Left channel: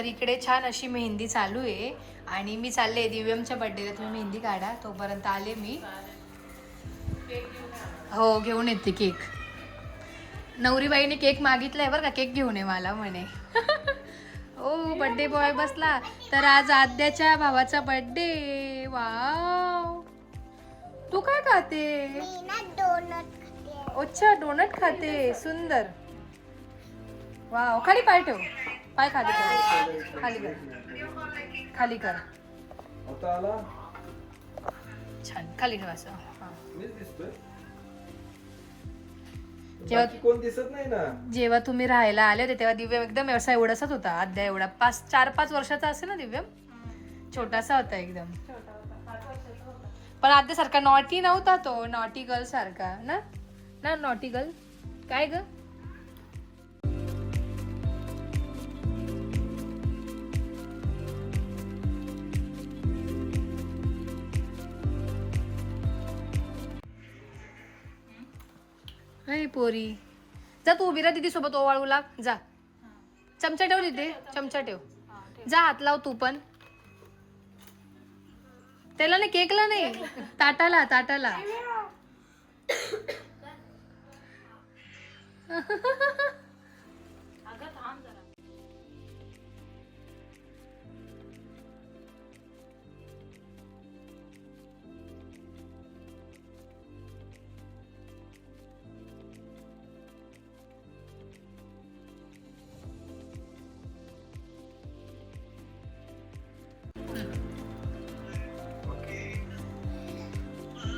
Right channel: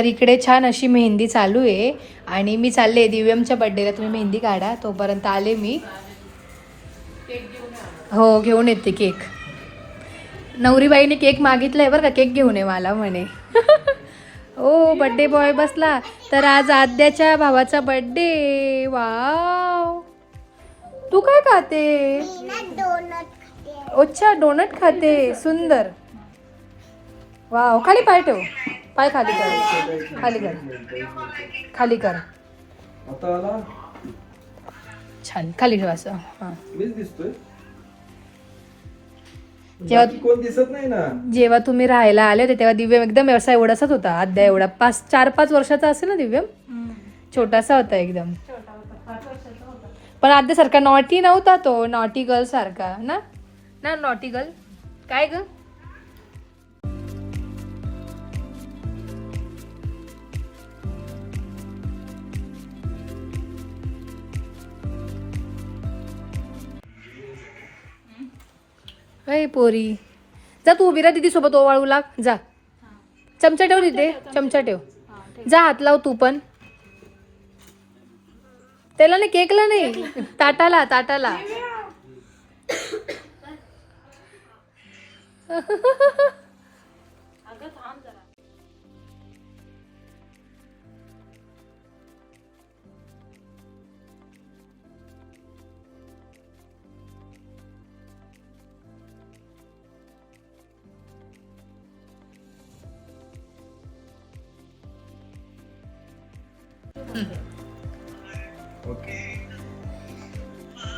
तर इकडे छान अशी मेहंदी चालू आहे आणि मी चालले दिव्यमच्या बर्थडेला, तुम्ही मेहंदी काढा तोपर्यंत आले मी. हो घेऊन येते केक. नवरीबाईने केक मागितलाय बरं का, केक घेऊन ये मला म्हणे. ओ बर्थडे बॉय बसला. तर आज आद्याच्या भावाचा बर्थडे. वाव, तू काय खाते? अच्छा डोनट खाते, सुंदर. वाव, खाली पाय ठेव, पाय खाली कर, खाली कर, खाली कर. छान खाली ठेव असं. हां जेव्हा तुम्ही राहायला आले होते तेव्हा दिव्यम एकदम व्यवसाय एवढासाच होता. आद्या एवढा 4-5 वर्षाचा असेल ना दिव्यम, छोटासा होता एकदम. पण आद्या सारखा नॉटी नव्हता तो, नॉटी गर्ल सारखा ना. ना नॉटी गर्ल काय ग. अय पोरी जा, तू उभी राहा दीदी सोबत ओवाळू लाग. जा, चमचा ठेव तिथे, चमचा ठेव. जा हात लाव तू पण. त्याला नाही, केकला नाही, ताटाला ताटाला.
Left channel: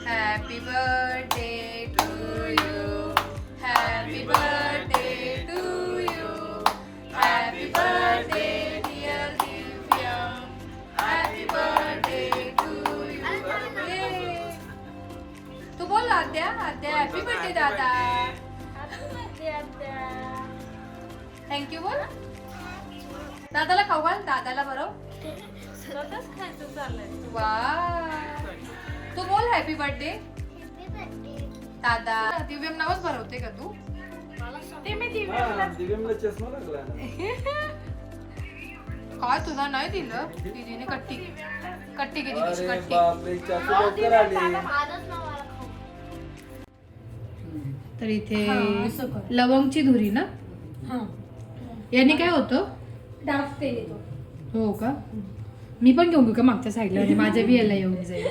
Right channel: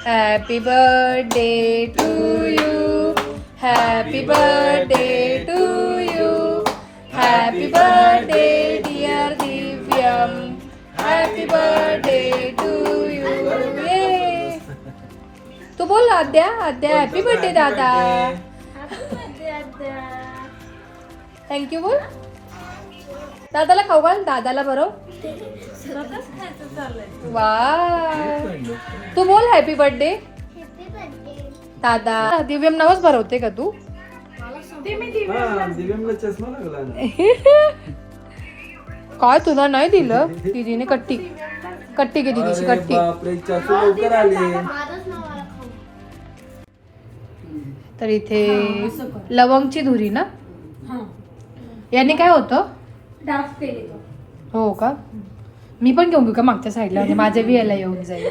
Happy birthday to you. Happy birthday to you. Happy birthday dear Divyam. Happy birthday to you. Yay. तू बोल आद्या, आद्या हॅपी बर्थडे दादा. थँक्यू बोल. दादाला खाऊ घाल, दादाला बरोबर. वा, तू बोल हॅपी बर्थडे दादा. दिव्यम नावच भरवते का तू? काय तुला नाही दिलं? दीदीने कट्टी कट्टी घे, दीदीची कट्टी. तर इथे लवंगची धुरी ना, याने काय होतं? डार्क तेल येतो. हो का, मी पण घेऊन घेऊ का मागच्या साईडला, म्हणजे माझ्या बी याला येऊन जाईल.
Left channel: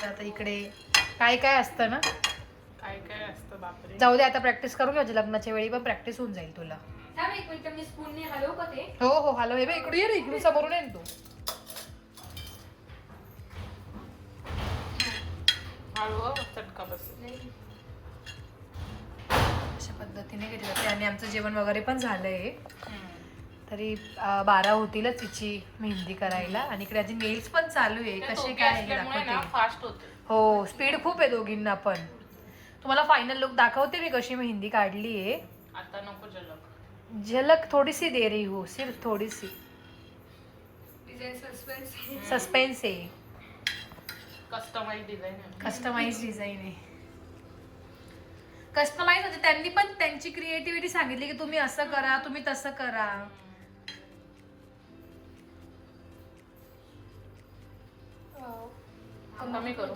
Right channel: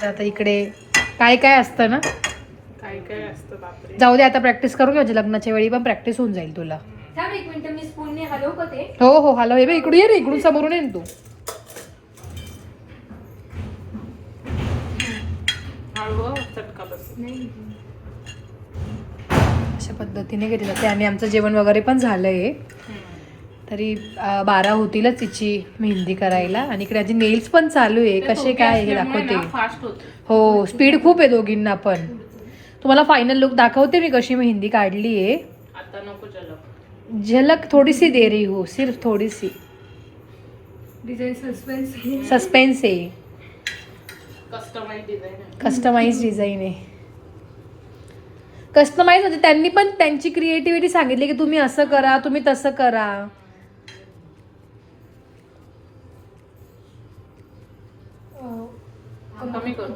तर आता इकडे काय काय असतं ना, काय काय असतं बापरे. जाऊ दे आता प्रॅक्टिस करू घ्यायची, लग्नाच्या वेळी पण प्रॅक्टिस होऊन जाईल तुला. थांब एक मिनिट, मी स्पूनने हलवू का ते? हो हो हॅलो, हे बघ इकडून ये रे, इकडून समोरून ये ना तू. चटका बस नाही. अशा पद्धतीने घेतलं ते. आणि आमचं जेवण वगैरे पण झालंय. तरी 12 होतीलच तिची मेहंदी करायला. आणि इकडे आधी नेल्स पण चालू आहे. कसे काय हे दाखवते. हो स्पीड खूप आहे दोघींना पण. तुम्हाला फायनल लुक दाखवते मी कशी मेहंदी काढली आहे. झलक थोडीसी दे रही हो, सिर्फ थोडीसी. सस्पेन्स आहे, कस्टमाइज डिझाईन आहे. कस्टमाइज म्हणजे त्यांनी पण त्यांची क्रिएटिव्हिटी सांगितली की तुम्ही असं करा, तुम्ही तसं करा. कमी करू.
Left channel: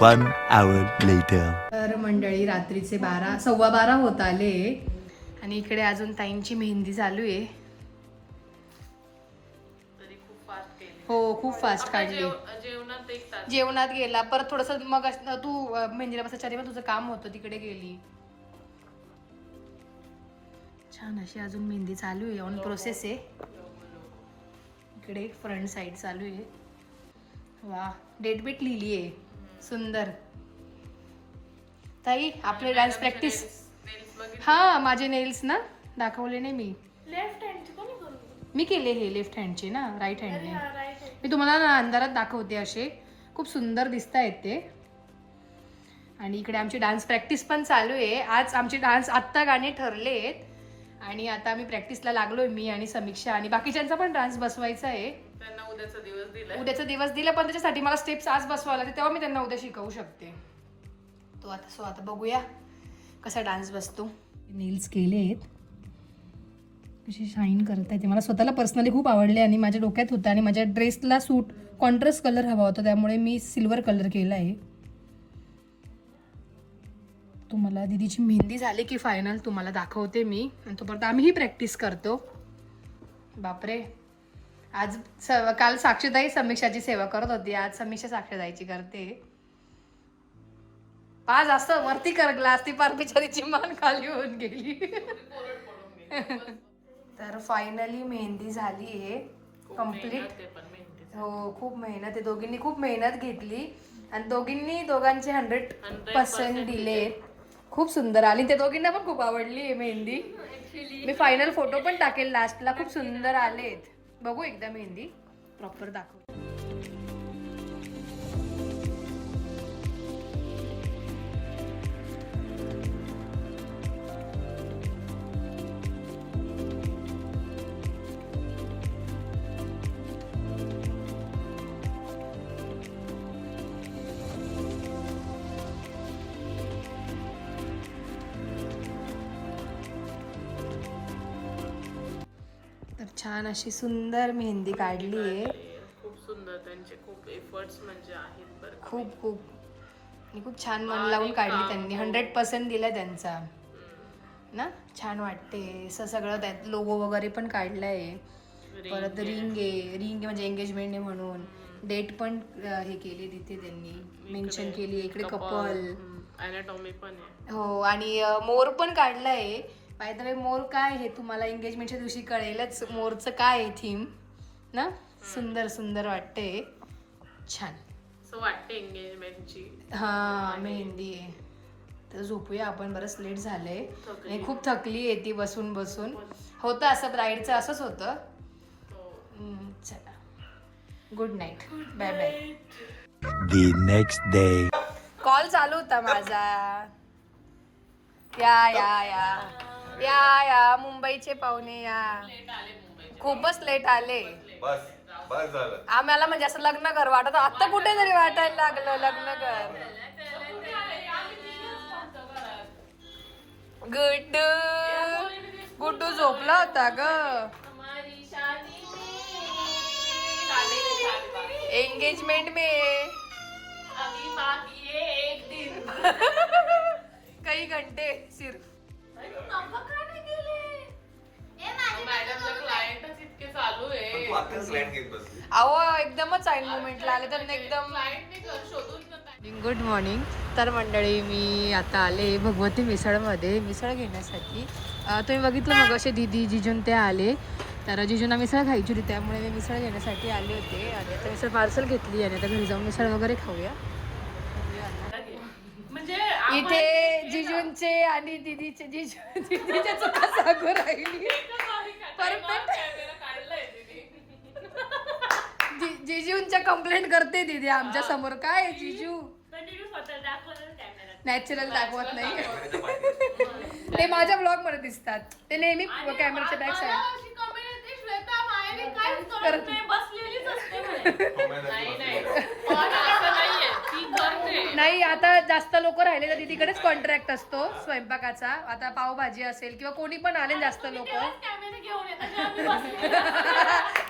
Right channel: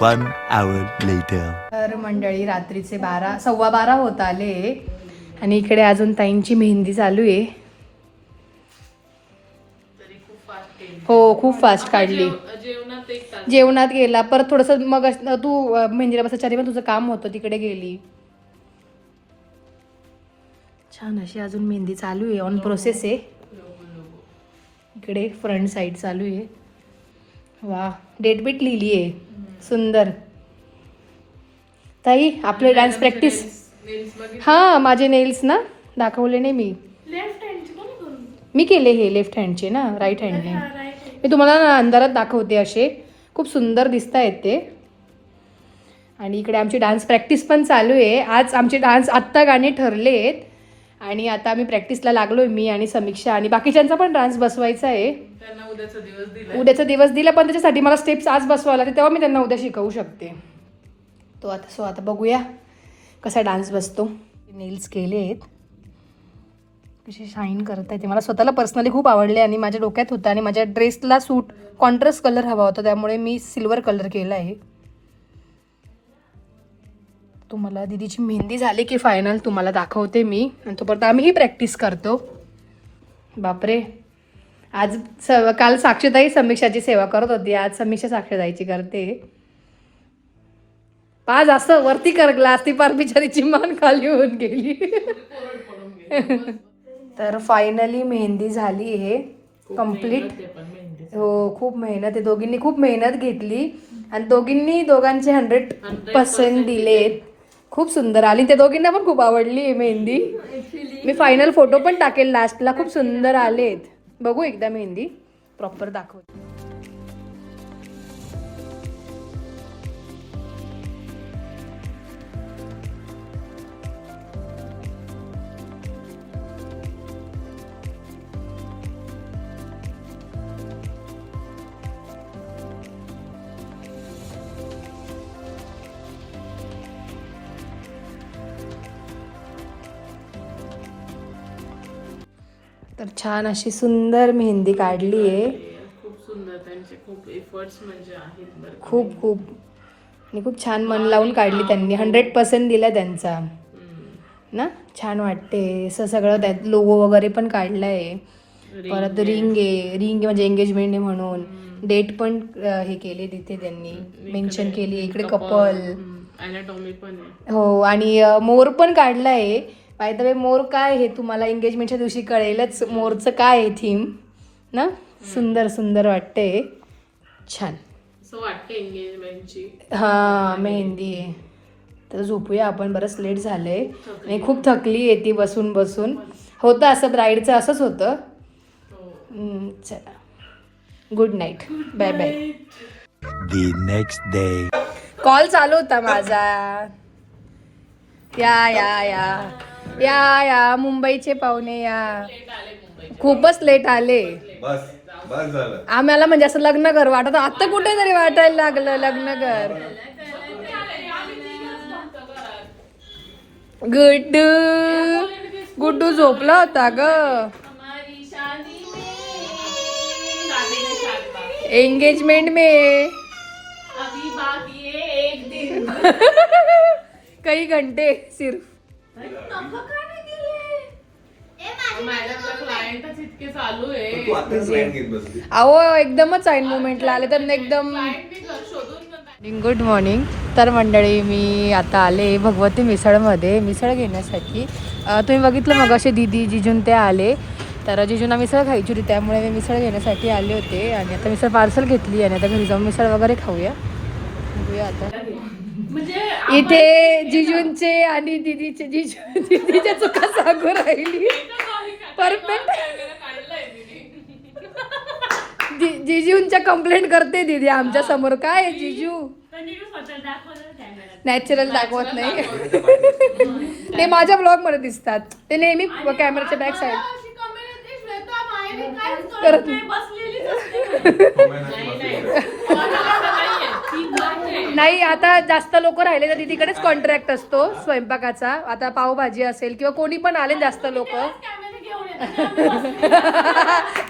1 hour later. तर मंडळी रात्रीचे 12:15 होत आले आणि इकडे अजून ताईंची मेहंदी चालू आहे. हो खूप फास्ट काढली. जेवणात गेला परत थोडंसं, मग तू मेहंदीला बसायच्या पण तुझं काम होतं तिकडे गेली. छान अशी अजून मेहंदी चालू आहे, ऑन प्रोसेस आहे. इकडे फ्रंट साईड चालू आहे. वा, डेट बीट लिहिली आहे, सुंदर. ताई आपले डान्स प्रॅक्टिस. हां माझे नेल्स ना दाखवले नाही मी केले हे लेफ्ट हँडचे ना, राईट हँडने. मी तुम्हाला ना अंधारात दाखवते, असे खूप सुंदर दिसत आहेत ते. आणि इकडे आमची डान्स प्रॅक्टिस पण चालू आहे. आज आमचे डान्स आत्ता गाणे ठरले आहेत आणि आता आम्ही प्रॅक्टिसला लागलोय, मी आणि समीक्षा. आणि बाकीच्यांचा पण डान्स बसवायचा आहे. उद्याचा दिवस दिला, पण त्याच्यासाठी मला स्टेप्स आज बसवायला लागते, तेव्हा मी त्यांना उद्या शिकवू शकते. आता बघूया कसा डान्स बसतो. नेल्स केले आहेत, कशी शाईन करत आहे ते मला स्वतःला पर्सनली खूप आवडले आणि माझ्या डोक्यात होतं आणि माझ्या ड्रेसला सूट कॉन्ट्रास्ट कलर हवा होता, त्यामुळे मी सिल्वर कलर केला आहे. तुम्हाला दीदीची मेहंदी झाली की फायनल तुम्हाला दाखवते मी, आणि तोपर्यंत आम्हीही प्रॅक्टिस करतो. बापरे, आज काल साक्षीताई समीक्षाची सेवा करत होती, आज समीक्षा साक्षीताईची करते. पाच असं वरती कर ग्लास, ती पार बिचारीची मान खाली होऊन गेली. तर फायनली मेहंदी झाली आहे कम्प्लीट. हो, खूप मेहनत आहे, दोघींनी खूप मेहनत घेतली आणि दोघांचे 100% दिलेत. खूप सुंदर आली, त्या दोघींना पण खूप आवडली आहे मेहंदी. मी फायनल फोटो पण टाकेल लास्टला, खूप सुंदर आलेत. बघू एकदा मेहंदी प्रॉपर दाखव. तर छान अशी सुंदर मेहंदी काढली आहे. खूप सुंदर, त्यांचे खूप एफर्ट्स म्हणजे आहेत बरं. खूप आणि खूप छान मन लावून काढली त्यांनी, 100% दिला त्यांचा ना. छान वाटते असं सगळं, त्यात लोगो वगैरे पण काढला आहे. परत रिंग म्हणजे एंगेजमेंट आहे म्हणून डेट पण हे केले तिथे त्यांनी मेन्शन केली. इकडे कपल अॅनाटॉमी पण आहे. हो, आणि मोर पण काढला आहे. बाय द वे, मोर काय हे तुम्हाला एंगेजमेंटच्या दिवशी कळेलच, मोरचं काय आहे थीम ना. सुंदर वाटते, छान असं वाटतं एंगेजमेंटची. हां, मेहंदी आहे. तर झोपूया आपण, बरंच लेट झालंय आणि खूप थकली आहे ती बसून होतं असं, ब्राईडचं असंच होतं. चला, good night, bye bye. The next day. Call चालू होता माझा. या मुंबईचे पाहुणे या, खूपच लेट आले. बस झालं. आम्हाला म्हणजे असं लग्न घर वाटत, आता कुठेतरी वाटायला लागलं लग्न घर. गुड्डू झोपला होता ग. एंगेजमेंट में कई घंटे सिर्फ. क्लायंटच इतके चालू आहे. तू आता क्लायंट घेत बसली. अहो, एकदमच ऐन मुमेंटला आले तर एकदम. Good morning. तर मंडळी, मी आता आले भगवती मिसळमध्ये मिसळ घेण्यासाठी. तुम्ही बघितलं मग असे दीदी जिजून ते आले, तर जिजूंना मिसळ खायची होती, त्यामुळे मी मिसळ घेण्यासाठी आले होते. आणि आता मिसळ पार्सल घेतली आणि आता घरी जाऊन मिसळ वगैरे खाऊया. बघूया आता. इथे जिजूंचे आणि दीदीच्या चुका सांगू राहिली. परफेक्ट. जिजूंच्या कंप्लेंट करते दीदी आमच्या समोर. काय जिजू नॅचरल दाखवत नाही. ते माझ्या ब्लॉग मध्ये दिसतात, ते नेहमी कॅमेराच्या बॅक साईड करत नाही. आता जास्त लोक राहिले तर तिकडेच कॉन्ट्रॅक्ट असतो स्वयंपाकाचा. आता पावभाजी असेल किंवा कोणी पण आले जास्त लोक.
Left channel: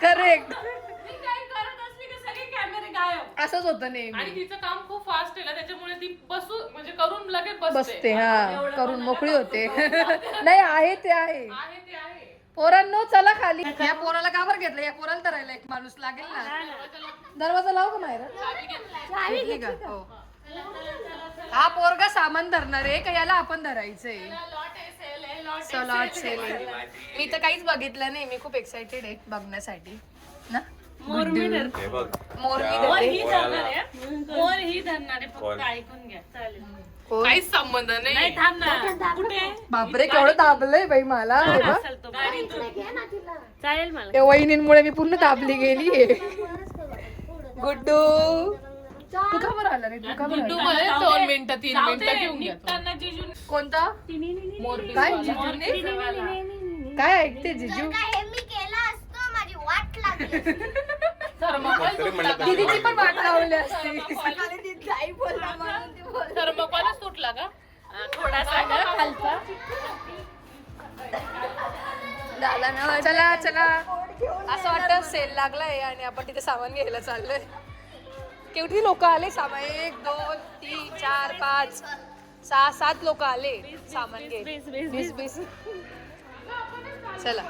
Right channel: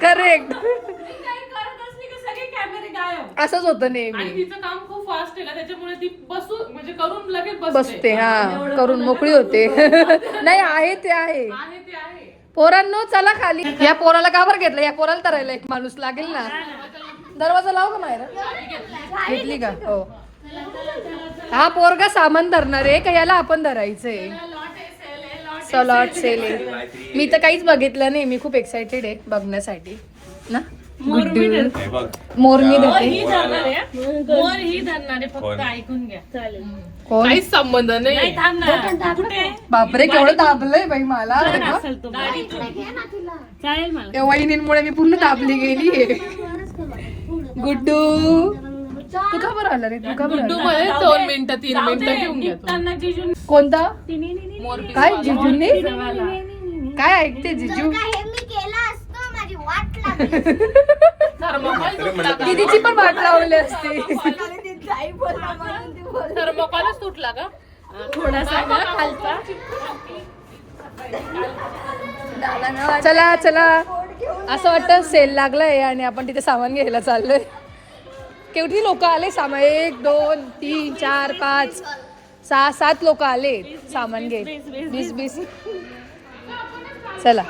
करेक्ट, असंच होतं नेहमी. आणि तिचं काम खूप फास्ट आहे ना, त्याच्यामुळे ती म्हणजे करून लगेच बसते. हा, करून मोकळी होते. नाही, आहे ते आहे. पोरांनो चला खाली. या पोराला का बरं घेतलं? या पोराला तरायला एक माणूस लागेल ना. दरवाजा लाव ना बाहेर. घेतली का? हो. हा पोरगा सामान धरणार आहे का याला आपण धरायचंय? सलॉट सेल. मी तर काहीच बघितलं नाही, मी खूप एक्साइटेड आहे बघण्यासाठी ना. गुड्डू मोर मी देते. कोण? काहीच संबंध नाही. बापरे, केवढं दाबलंय बाई मला. त्या वहिनींमुळे मी पूर्ण दाबली गेली. गुड्डू तू का बरं आला रे? तू का बरं आला? 2 मिनिटं 3 मिनिटं घेऊन घेतो. कोणता? काय जिजूंनी? काय ऐकते जिजू? दीदीची पण वाट लावली असते. थर्मोकॉलच तुटला का? चला चला असं वाटतं सेल लागलाय आणि आपण तिथे सामान घ्यायला चाललोय. केवढी लोक आले सामान 1 2 3 4 5 6 7 लोक आले सामान घे 20 चला